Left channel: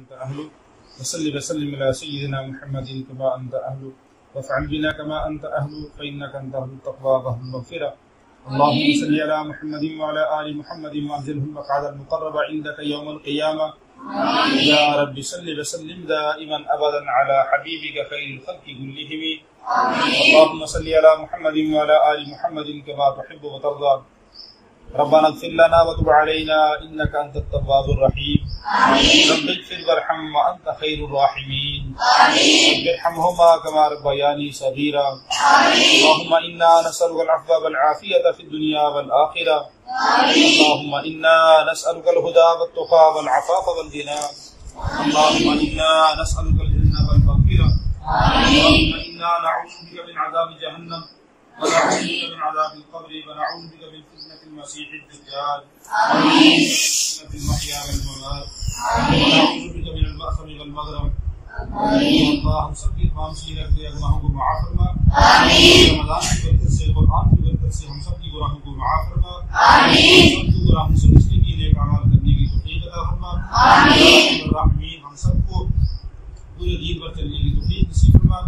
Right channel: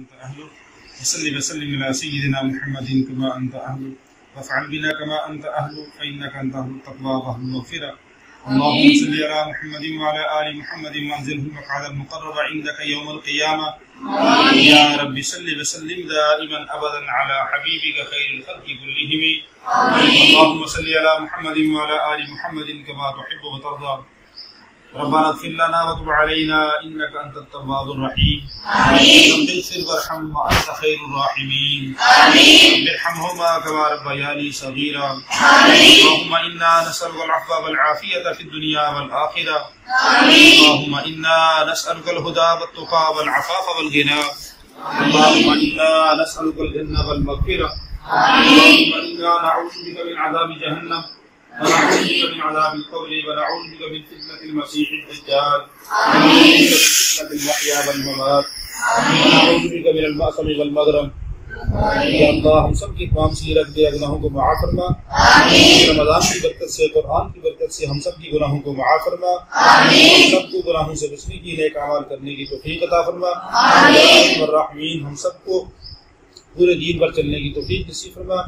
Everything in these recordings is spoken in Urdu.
أنت أهل وصل وسلم على سيدنا محمد كما أنت أهل وافعل بنا كما أنت أهل فإنك أنت أهل التقوى وأهل المغفرة. اللهم صل على محمد وعلى آل محمد وأنزله المقعد المقرب عندك يوم القيامة. يا رب صل وسلم دائما أبدا على حبيبك خير الخلق كلهم. اللهم صل على محمد وعلى آل محمد كما تحب وترضى. ربنا اغفر لنا وتب علينا إنك أنت التواب الرحيم. رب اغفر وارحم وأنت خير الراحمين. رب ارحمهما كما ربياني صغيرا. اللهم إنا نسألك العفو والعافية في الدنيا والآخرة. اللهم إنا نسألك الهدى والتقى والعفاف والغنى. اللهم إنا نسألك الجنة والمغفرة. اللهم إنا نعوذ بك من عذاب جهنم ونعوذ بك من عذاب القبر ونعوذ بك من فتنة المسيح الدجال ونعوذ بك من فتنة المحيا والممات ونعوذ بك من المأثم والمغرم. یا اللہ ہم سب کی تمام سیرت کے گناہوں کو معاف فرما. رمضان کی برکت سے قرآن کی برکت سے ہم سب کی گناہوں کو معاف فرما. ہم سب کو گناہوں سے بچنے کی نیک اعمال کرنے کی توفیق عطا فرما. الرحمین ہم سب کو پورے دین پر چلنے کی توفیق نصیب فرما.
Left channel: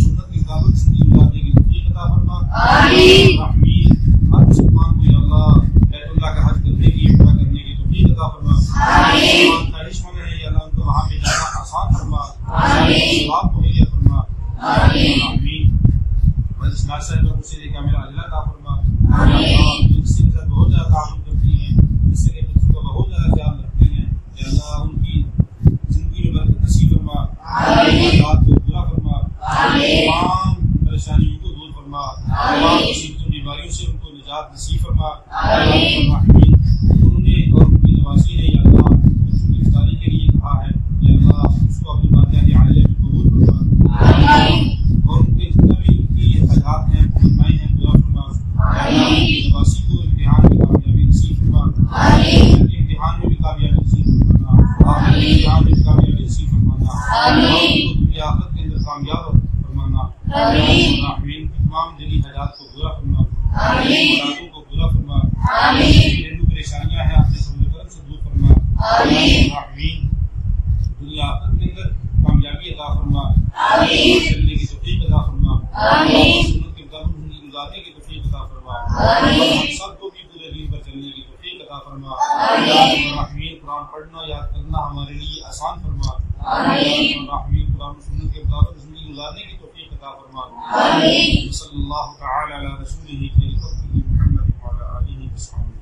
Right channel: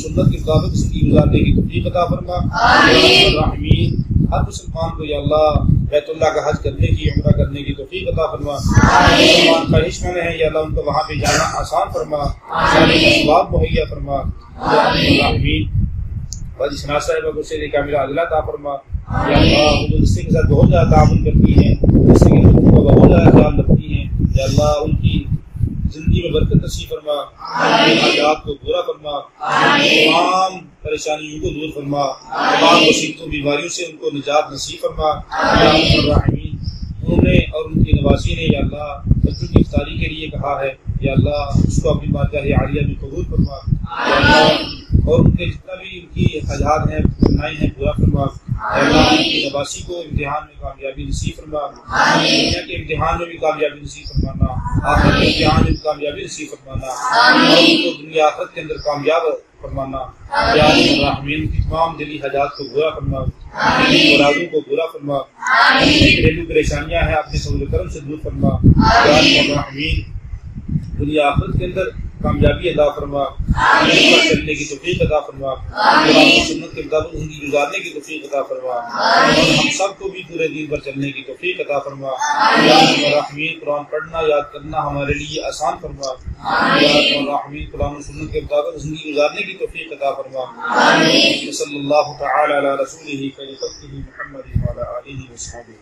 سنت کے مطابق زندگی گزارنے کی توفیق عطا فرما. الرحمین ہر مسلمان کو یا اللہ بیت اللہ کا حج کرنے کی عمرہ کرنے کی توفیق عطا فرما. مسلمان خواہش مند ہیں یا اللہ ان کو وہاں پہ جانا آسان فرما. ثواب مہیا فرما. الرحمین حاجی شناز صاحبہ کو سیر کاملہ عاجلہ عطا فرما. یا اللہ جو رستے کے ساتھ بہت زیادہ تعاون کرتی ہیں, رستے کے لوگوں کا بہت زیادہ خیال رکھتی ہیں, یا اللہ ان کی زندگی میں برکت نصیب فرما. حاجات کو پورا فرما. تمام پریشانیوں کو دور فرما. تمام مصیبتوں بیماریوں سے ان کو نجات نصیب فرما. الرحمین انہوں نے اور ان کی نواسی نے یا اللہ بچوں کی افطاری کے لیے کہا ہے, یا اللہ اس کو اپنی بارگاہ عالیہ میں قبول فرما. اور ان کے جتنا بھی ان کی حاجات ہیں تمنائیں ہیں پورا فرما. ان کی نواسی کو امتحان میں کامیابی نصیب فرما. دنیا کے امتحان میں بھی کامیابی نصیب فرمانا, آخرت کے امتحان میں بھی کامیابی نصیب فرمانا, اور ان کو دنیا آخرت کے اندر کامیاب فرمانا. یا الرحمین کی تمام دلی حاجات کو پورا فرما. مرادوں کو پورا فرما. گھریلو پریشانیاں ہیں اپنے فضل و کرم سے دور فرما. یا الرحمین دنیا آخرت کے اندر کامیابی عطا فرما. چلنے کی توفیق عطا فرما. سنت کے مطابق زندگی گزارنے کی توفیق عطا فرما. اور ہم سب کو بھی پورے دین پر چلنے کی توفیق عطا فرما. یا الرحمین قرآن پڑھنا یاد کرنا ہمارے لیے آسان فرما. یا الرحمین قرآن و سنت کے مطابق زندگی گزارنے کی توفیق عطا فرما. صلی اللہ تعالی علی رسولہ خیر خلقہ محمد وعلی آلہ وصحبہ.